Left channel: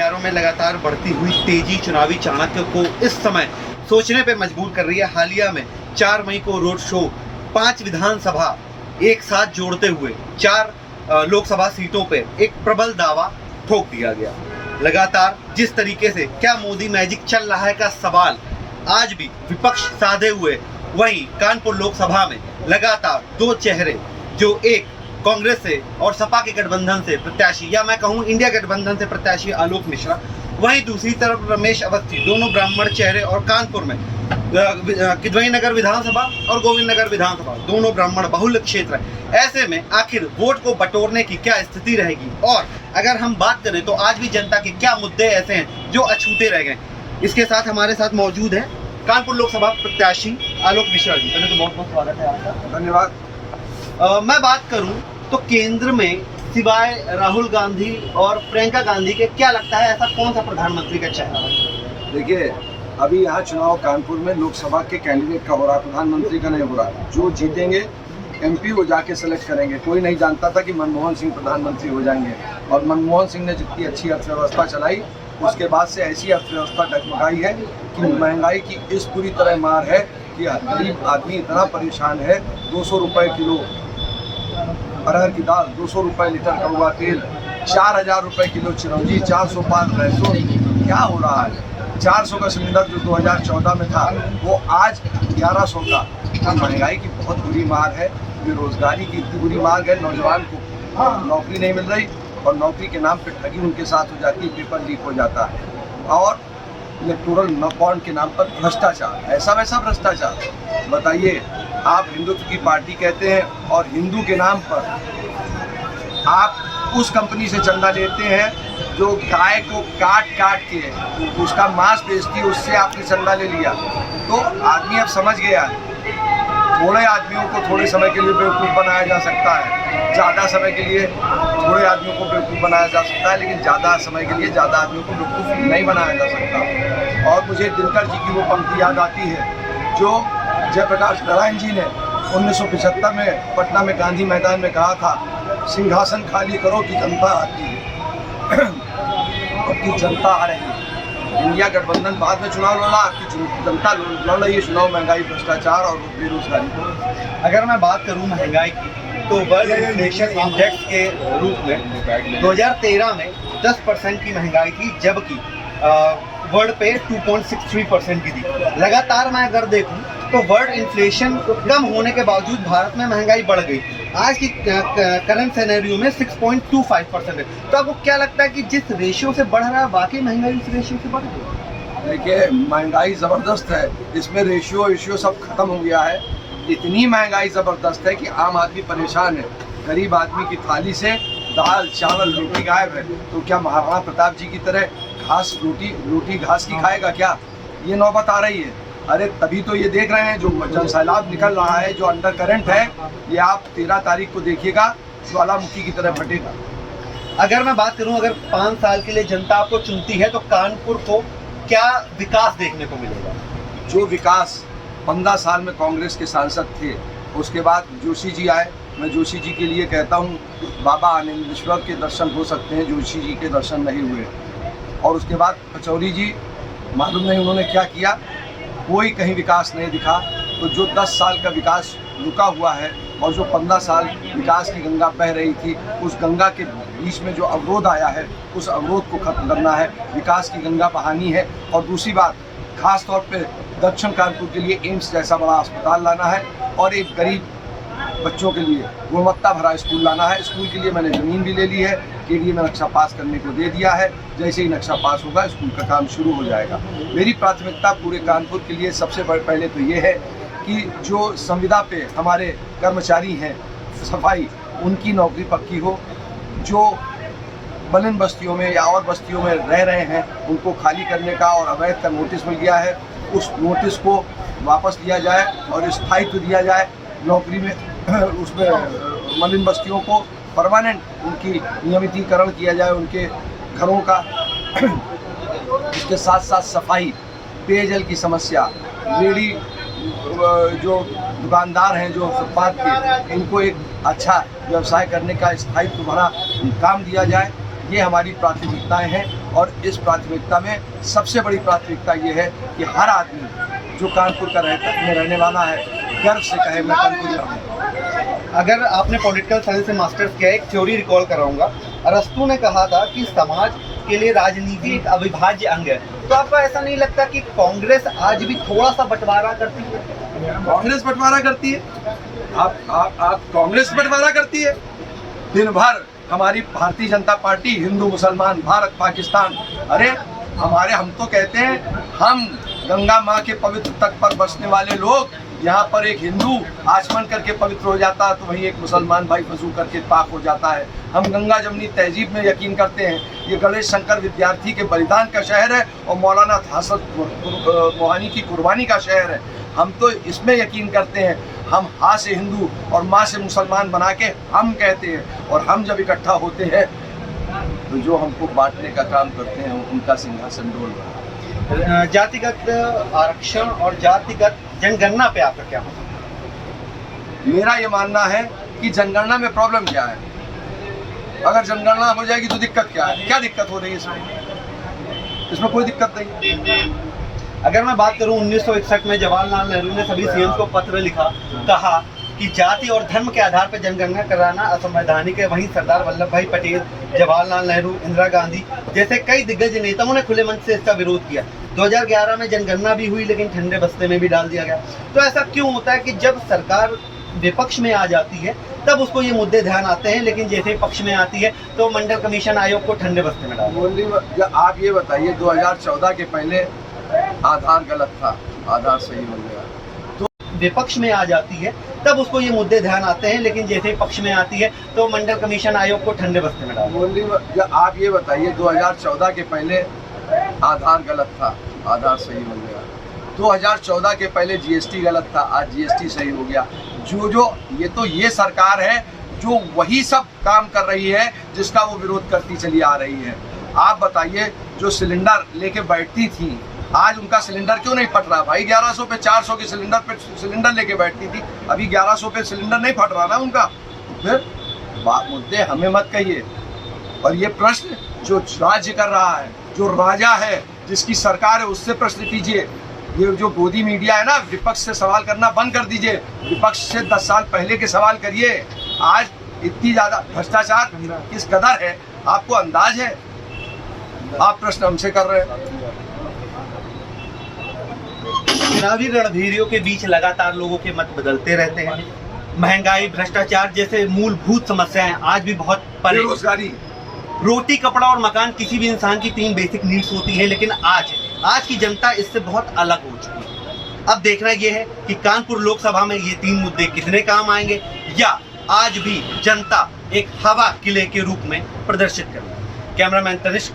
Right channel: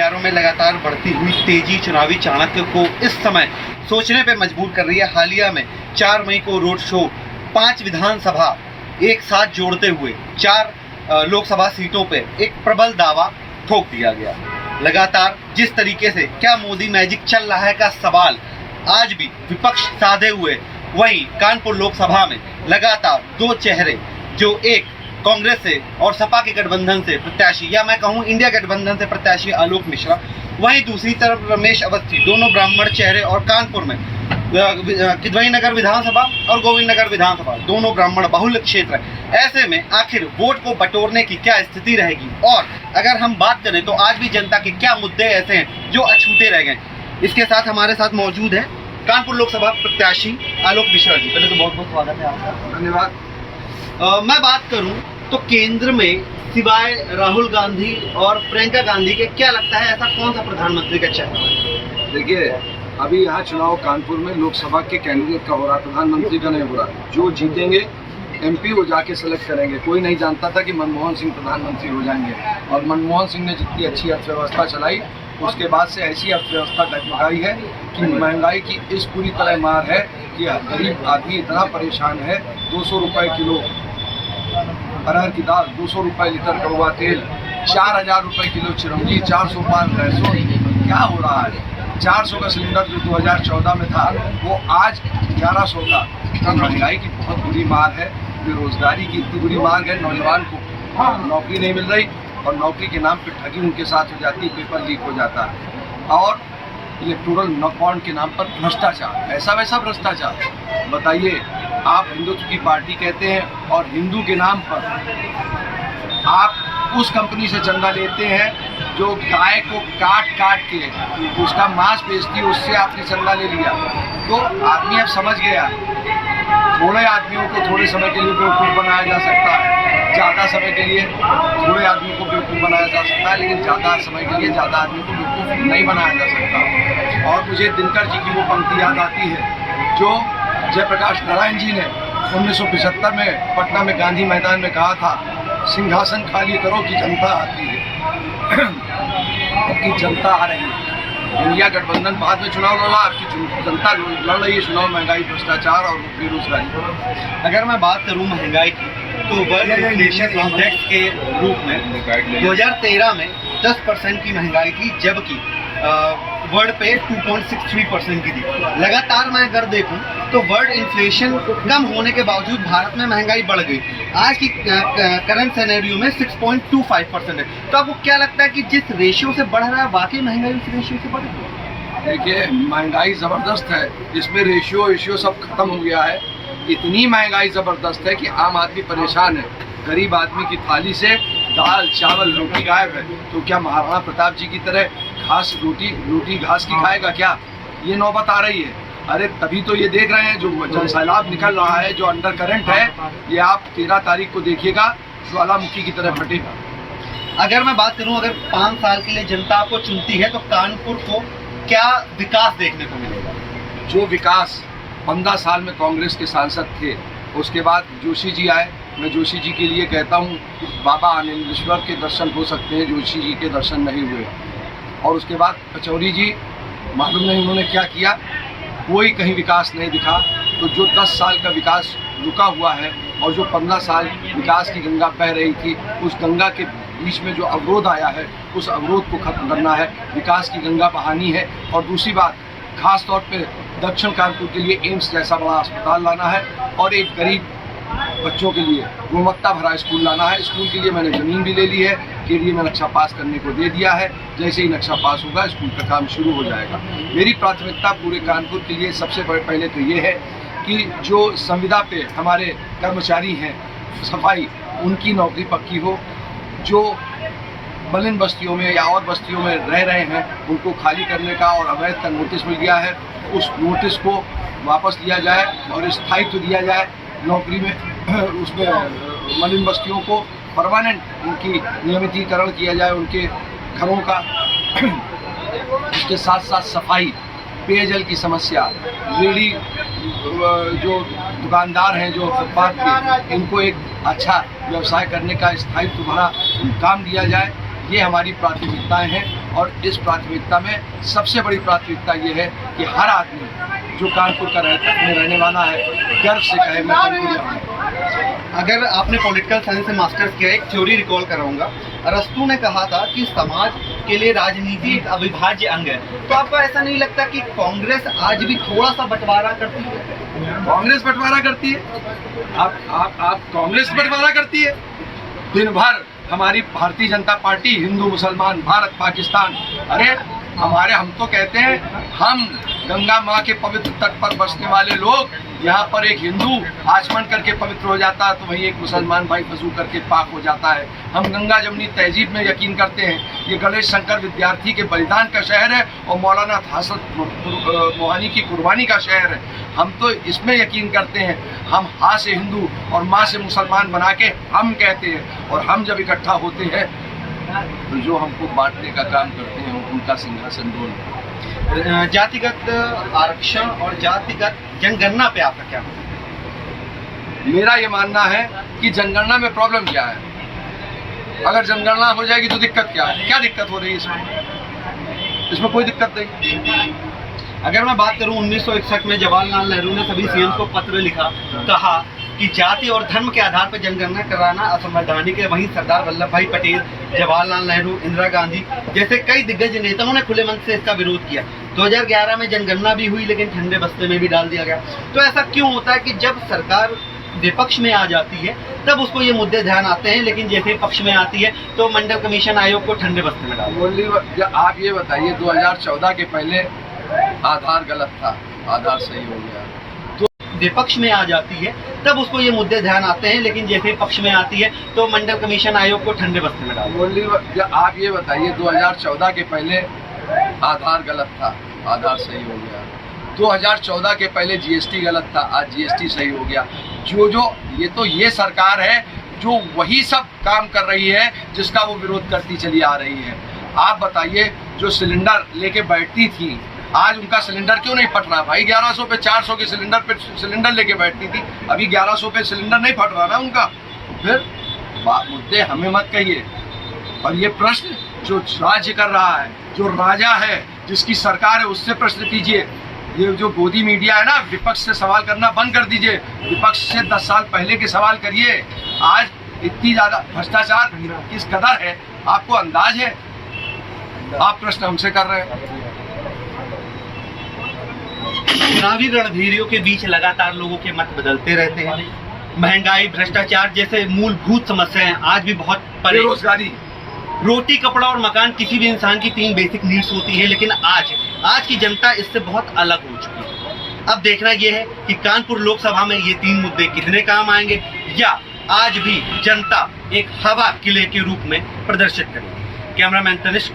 हथियारों में लगातार बढ़ती हुई तेजी चुनावी चाणक्य को इस समय सोचने पर मजबूर कर रही है। हालिया में 4 मई को रोड शो 5 विधानसभा एक साथ जोड़ते हुए 4 लोकसभा सीटों पर एक प्रबल दावा ठोक दिया गया। लगातार जिस तरीके से क्या मोदी मैजिक चल रहा है का सवाल आज भी विपक्ष साधे हुए, वहीं कानपुर लोकसभा में लगातार 2 चेहरे, जो एक कांग्रेस से और सपा के गठबंधन से प्रत्याशी, या मैं कहूं इंडिया गठबंधन से प्रत्याशी आलोक मिश्रा, वहीं दूसरी तरफ रमेश अवस्थी, दोनों ब्राह्मण चेहरे, और कानपुर में किदवई नगर विधानसभा और गोविंद नगर विधानसभा दोनों ब्राह्मण बहुल क्षेत्र है। ऐसे में आखिर वोट को बटोरने की क्या स्थिति रहेगी, और अगर हम बात करें तो आज भी जनता के क्या मुद्दे ऐसे हैं जो अछूते रह गए। इसके साथ हमारे साथ मौजूद है कानपुर लोकसभा प्रत्याशी आलोक मिश्रा जी। पहले तो बहुत बहुत स्वागत है आपका। धन्यवाद। मैं बात करूं तो केंद्र में सिवाय राहुल गांधी और प्रियंका गांधी के क्या लगता है ऐसा कौन सा प्रधानमंत्री का चेहरा है? देखिए, अभी यहाँ चुनाव कानपुर में लोकसभा के कैंडिडेट का हो रहा है, प्रधानमंत्री का नहीं हो रहा है। जो जीतेंगे एमपी वो जाके सेलेक्ट करेंगे। कोई नहीं जानता था कि मनमोहन सिंह प्रधानमंत्री हो जाएंगे, और मनमोहन सिंह ने जितनी अच्छी अर्थव्यवस्था चलाई उसके बाद से ऐसी अर्थव्यवस्था डगमगाई है कि महंगाई की इस पूरी तरह मार है कि गरीब आदमी इतना परेशान है। 200 रुपये किलो अरहर की दाल, 200 रुपये लीटर कड़वा तेल, 4000 रुपये किलो चिरौंजी, 400 पार लहसुन। क्या हो रहा है? 400 का सिलेंडर जो 2014 में था वो आज 1100 का। तो महंगाई की बहुत बुरी मार है, बेरोजगारी की इतनी बुरी मार है, नौजवान को नौकरी नहीं मिल रही, और नौकरी के नाम पे ठगी उनके साथ हो जाती है, पेपर लीक हो जाता है, और इलेक्टोरल बॉन्ड के नाम पर भ्रष्टाचार, ऐसा वैसा भ्रष्टाचार। बताइए, आप हिंदुत्व की पार्टी कहते हैं और हिंदू के नाम पर आप उस कंपनी से चंदा लेते हैं जो गाय को काट काट के उसका मांस बेचती है, उससे आपने चंदा ले लिया। तो आदमी अब समझ गया, थोड़े आदमियों को थोड़े समय के लिए बेवकूफ़ बनाया जा सकता है, ज़्यादा समय के लिए थोड़े आदमियों को बेवकूफ़ बनाया जा सकता है, लेकिन ज़्यादा समय के लिए ज़्यादा आदमियों को बेवकूफ़ नहीं बनाया जा सकता। और मुझे दिनकर जी की वो पंक्ति याद आती है जो जयप्रकाश नारायण जी ने 1975 में पटना में गांधी मैदान में कहा था, सिंहासन खाली करो कि जनता आती है। आपकी जनता आ रही है। इंडिया गठबंधन बाद में चुनाव लड़ा, आपकी जनता लड़ रही है चुनाव महंगाई, भ्रष्टाचार और बेरोजगारी। अगर मैं बात करूं महंगाई की तो वर्ल्ड इन्फ्लेशन इंडेक्स के रूप में 2013 में 10% की महंगाई थी, जबकि वर्ल्ड पे 2.63% की थी। लगातार मैं अगर देखूं तो वर्ल्ड इन्फ्लेशन कम होने के बावजूद भारत में महंगाई बढ़ गई। आज की करंट सिनेरियो में 6.25% है। तो आपको क्या लगता है कि जिस रेशियो से बढ़ रहा है वाकई महंगाई उस रेशियो से बढ़ रही है? देखिए, महंगाई ज़बरदस्त है, इसमें रेशियो सब खत्म हो गया है। इतनी महंगाई ज़बरदस्त है कि आम आदमी परेशान है। गरीब आदमी की थाली से दाल चावल रोटी गायब है। तो क्या महाराणा प्रताप जी की तरह घास रोटी घास की खाएगा क्या? ये नौबत आ रही है। अरे तभी तो ये देख रहे हैं जो जनसैलाब निकल रहा है, जो अंडर करंट है, ये आप 13 तारीख को देखिएगा, ज्वालामुखी की तरह फटेगा। अगर मैं बात करूं, अगर 5 साल के लिए जनता आपको चुनती है तो कानपुर को क्या विकास देखने को मिलेगा? जो विकास 15 साल में कांग्रेस के सांसद थे, उसके बाद जोशी जी आए। मैं जोशी जी के लिए कहता हूँ, बाबा आनंदेश्वर के दर्शन हो सकते हैं, जोशी जी के दर्शन नहीं हुए। और उसके बाद पचौरी जी, मालूम नहीं उन्होंने क्या किया, कोई कहीं विकास नहीं दिखा। तो जो 10 साल का विकास रुका हुआ है, और जो 15 साल विकास की गंगा बह रही थी, उस गंगा के बीच में जो अवरोध आया है, उस अवरोध को खत्म करना है, विकास की गंगा बहानी है। और दूसरी बात, खास तौर पे दक्षिण कानपुर के लिए एम्स जैसा बड़ा अस्पताल लाना है, और एक गरीब बच्चों के लिए गुणवत्ता भरा स्कूल लाना है। स्कूल के लिए मैंने ज़मीन भी ले ली है, केडीए में नक्शा पास करने को दे दिया है। जैसे ही नक्शा पास होगा स्कूल का काम शुरू हो जाएगा। मेरी प्राथमिकता पूरे कानपुर के लिए सबसे पहले तो ये है कि जो संविदा पे हमारे कर्मचारी हैं सफाई, उनकी नौकरी पक्की हो। जो मलिन बस्तियों में या और बस्तियों में रह रहे हैं उनको खाली करने का और अवैध का नोटिस मिल गया है, उस नोटिस को वापस लिया जाए और स्थायित्व दिया जाए नौकरी में। उसमें मलिन बस्तियों को परमानेंट उनकी नियमितीकरण किया जाए, उनके घरों का। उसके साथ साथ सफाई, पेयजल की समस्या, रेडी जो दुकानदार हैं जो फुटपाथ के, इनको एक अच्छा व्यवसाय करने का स्थायित्व भरा काम दिया जाए। ये हमारी प्राथमिकताएं हैं। और इस प्राथमिकता में सबसे बड़ी प्राथमिकता ये है कि हर आदमी जो कानपुर का रहने वाला है गर्व से कहे मैं कानपुरिया हूँ। अगर आपने पॉलिटिकल साइंस से मास्टर्स किया, एक थ्योरी रिकॉल कराऊंगा, अरस्तु ने कहा था कि समाज के लिए राजनीति एक अविभाज्य अंग है। तो आपको ऐसा नहीं लगता कि कांग्रेस आज भी थोड़ा सा बंटवारा करती है? कांग्रेस बंटवारा करती है? आप कांग्रेस बंटवारा करती है? दिन भर हमारी भारतीय जनता पार्टी हिंदू मुसलमान भारत पाकिस्तान, अरे हम तो कहते हैं हम गंगा माँ के पवित्र तट पर बसने वाले लोग, यहाँ पर एक हिंदू आचमन करके पवित्र हो जाता है तो वहीं एक मुसलमान भाई वजू करके पाक हो जाता है। हम गंगा जमनी तहजीब में यकीन करते हैं। ये गणेश शंकर विद्यार्थी के बलिदान का शहर है और मौलाना हसन मोहानी की कुर्बानी का शहर है। हम तो इसमें यकीन करते हैं। हम हा से हिंदू और माँ से मुसलमान बना के हम कहते हैं, और हम जब इकट्ठा होते हैं तो जो हमको बांटने का काम करते हैं उनका सिंहासन डोल रहा है। जातिगत आरक्षण और जातिगत जनगणना पे आपका क्या मानना? मेरा ये मानना है कि जनगणना में प्रॉब्लम क्या है। अगर जनगणना हो जाएगी तो दिक्कत क्या है? क्या दिक्कत हो रही है इसमें कोई दिक्कत नहीं। अगर मैं बात करूं 1961 में जवाहरलाल नेहरू ने सभी सीएम को पत्र लिखा, कहा कि जाति और धर्म के आधार पर जनगणना कराना असंवैधानिक है। वहीं सरदार वल्लभ भाई पटेल, जवाहरलाल नेहरू, इंदिरा गांधी जैसे कई दिग्गज नेताओं ने खुले मन से इसका विरोध किया। 2011 में जनगणना भी हुई लेकिन ठंडे बस्ते में भी डाल दिया गया। तो ऐसा क्यों होता है कि जब सरकार विपक्ष में आ जाती है तब उसको ये मुद्दे ध्यान आते हैं, लेकिन जैसे पक्ष में आती है तो मंडल कमीशन आयोग को ठंडे बस्ते में डाल दिया? आप ये बताइए 2014 के पहले आधार गलत था, आधार सही हो गया। तो विपक्ष में आ जाती है तब उसको ये मुद्दे ध्यान आते हैं, लेकिन जैसे पक्ष में आती है तो मंडल कमीशन आयोग को ठंडे बस्ते में डाल दिया? आप ये बताइए 2014 के पहले आधार गलत था, आधार सही हो गया। 2014 के पहले जीएसटी गलत था, आज जीएसटी सही हो गया। ये सरकार है जो वही सब काम कर रही है जिसका वो विरोध करती चली आ रही है। आप बताइए जो सिलेंडर लेके बैठती थी, आज उनका सिलेंडर क्यों नहीं फट रहा? भाई 1100 पे 400 के सिलेंडर लेके बैठती थी, अभी 1100 पे सिलेंडर नहीं फट रहा ना उनका। फिर मुद्दे हमें मत कहिए। और ये प्रश्न जो राज्य कर रहा है, जो राजा है, जिसकी सरकार है, उससे प्रश्न कीजिए। ये जो गोदी मीडिया है ना, विपक्ष से सवाल करना बंद कर दीजिए। विपक्ष से 10 साल पहले के सवाल करिए। आज इतनी ज्यादा भ्रष्टाचार किस कदर है आपको अंदाज है? आप प्रश्न हमसे कर रहे हैं। चुनावी रणभेरियों के बीच लगातार लोगों के मत बदलते रहते हैं। महंगाई, भ्रष्टाचार जैसे मूलभूत समस्याएं आज भी बहुत परे। बेरोजगारी, रोटी, कपड़ा और मकान किसी भी इंसान की 3 बेसिक नीड्स होती है, लेकिन आज की जनता इससे बहुत अलग हो चुकी है। अब देखना यह है कि कानपुर लोकसभा में ये 3 मुद्दे कितने काम आएंगे, या आज भी जनता एक हवा किले के रूप में प्रदर्शित करेगी। कैमरामैन तनिष्क